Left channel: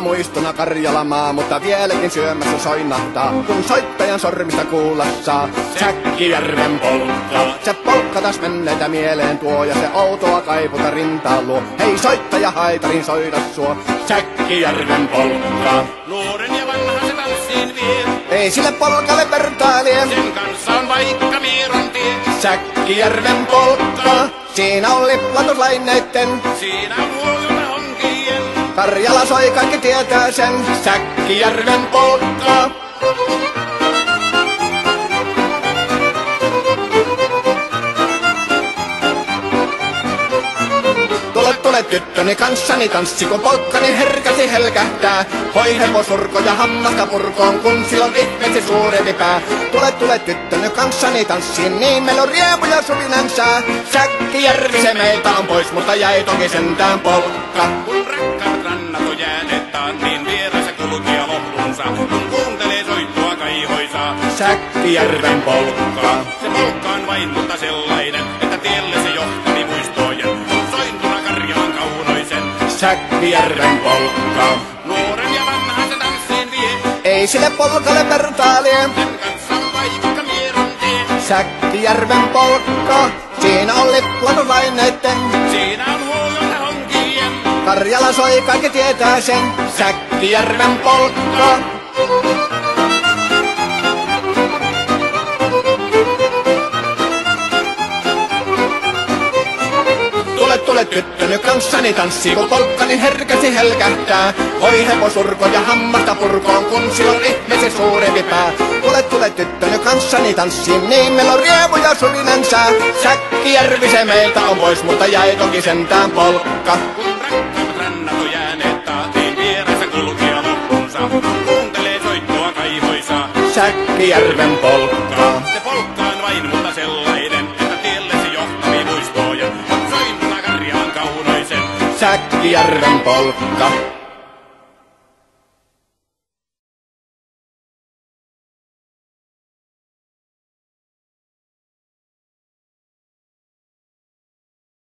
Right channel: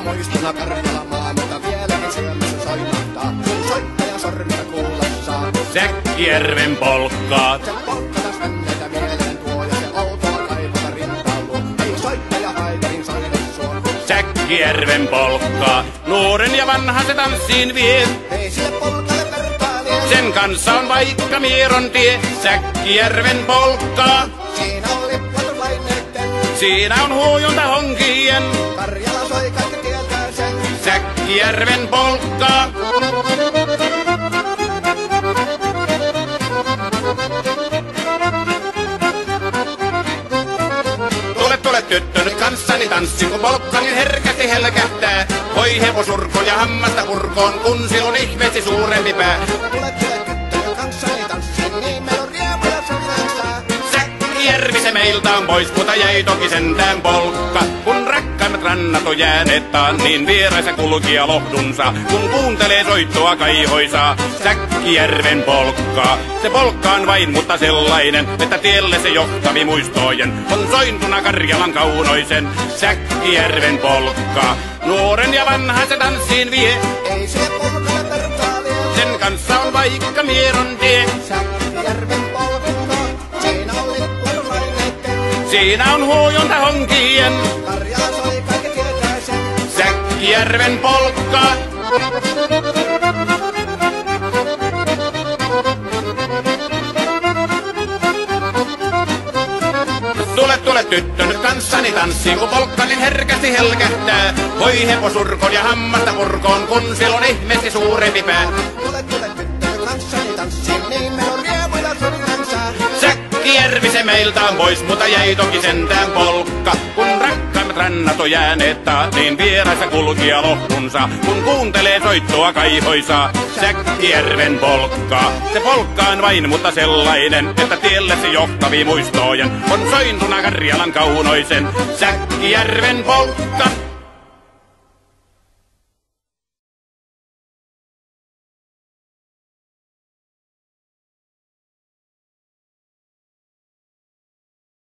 Muutama muistona Karjalamaa, mutta vieläkin syömässä soinahtaa, kun soittajan sormista kuulla saa. Säkkijärven polkkaa. Se polkka taas menneitä mieleen tuo, ja se outoa kaiputa rintaan luo. Ei soittaja haitarin soida suo. Säkkijärven polkkaa. Nuoren ja vanhan se tanssiin vie. Ei sille polkalle vertailie. Sen kanssa on vaikka Mieron tie. Säkkijärven polkkaa. Siinä on liplatuslaineitten. Siinä on huojunta honkien. Karjala soi, kaikki tietää sen. Säkkijärven polkkaa. Tule tyttöni kanssani tanssi, kun polkkani herkästi helkähtää. Voi hevosurko ja hammasta purkoon, kun se on ihmeesti suurempi pää. Tule tyttöni kanssani tanssi, niin meillä on riemu ja suvinansa. Säkkijärvi se meiltä on pois, mutta jäi toki sentään polkka. Kun rakkaimmat rannat on jääneet taan, niin vieraissa kulkija lohdunsa. Kun kuuntelee soittoa kaihoisaa, Säkkijärven polkkaa. Se polkka on vain, mutta sellainen, että tielle se johtavi muistojen. On sointuna Karjalan kaunoisen, Säkkijärven polkkaa. Nuoren ja vanhan se tanssiin vie. Ei sille polkalle vertailie. Sen kanssa on vaikka Mieron tie. Säkkijärven polkka. Siinä on liplatuslaineitten. Siinä on huojunta honkien. Karjala soi, kaikki tietää sen. Säkkijärven polkkaa. Tule tyttöny kanssani tanssi, kun polkkani herkästi helkähtää. Voi hevosurkon ja hammasta purkoon, kun se on ihmeesi suurempi pää. Tule tyttöny kanssani tanssi, niin meillä on riemu ja suvinansa. Säkkijärvi se meiltä on pois, mutta jäi toki sentään polkka. Kun rakkaimmat rannat on jääneet taas, niin vieraissa kulkija lohdunsa. Kun kuuntelee soittoa kaihoisaa, Säkkijärven polkkaa. Se polkka on vain, mutta sellainen, että tielle se johtavi muistojen. On sointuna Karjalan kaunoisen, Säkkijärven polkka.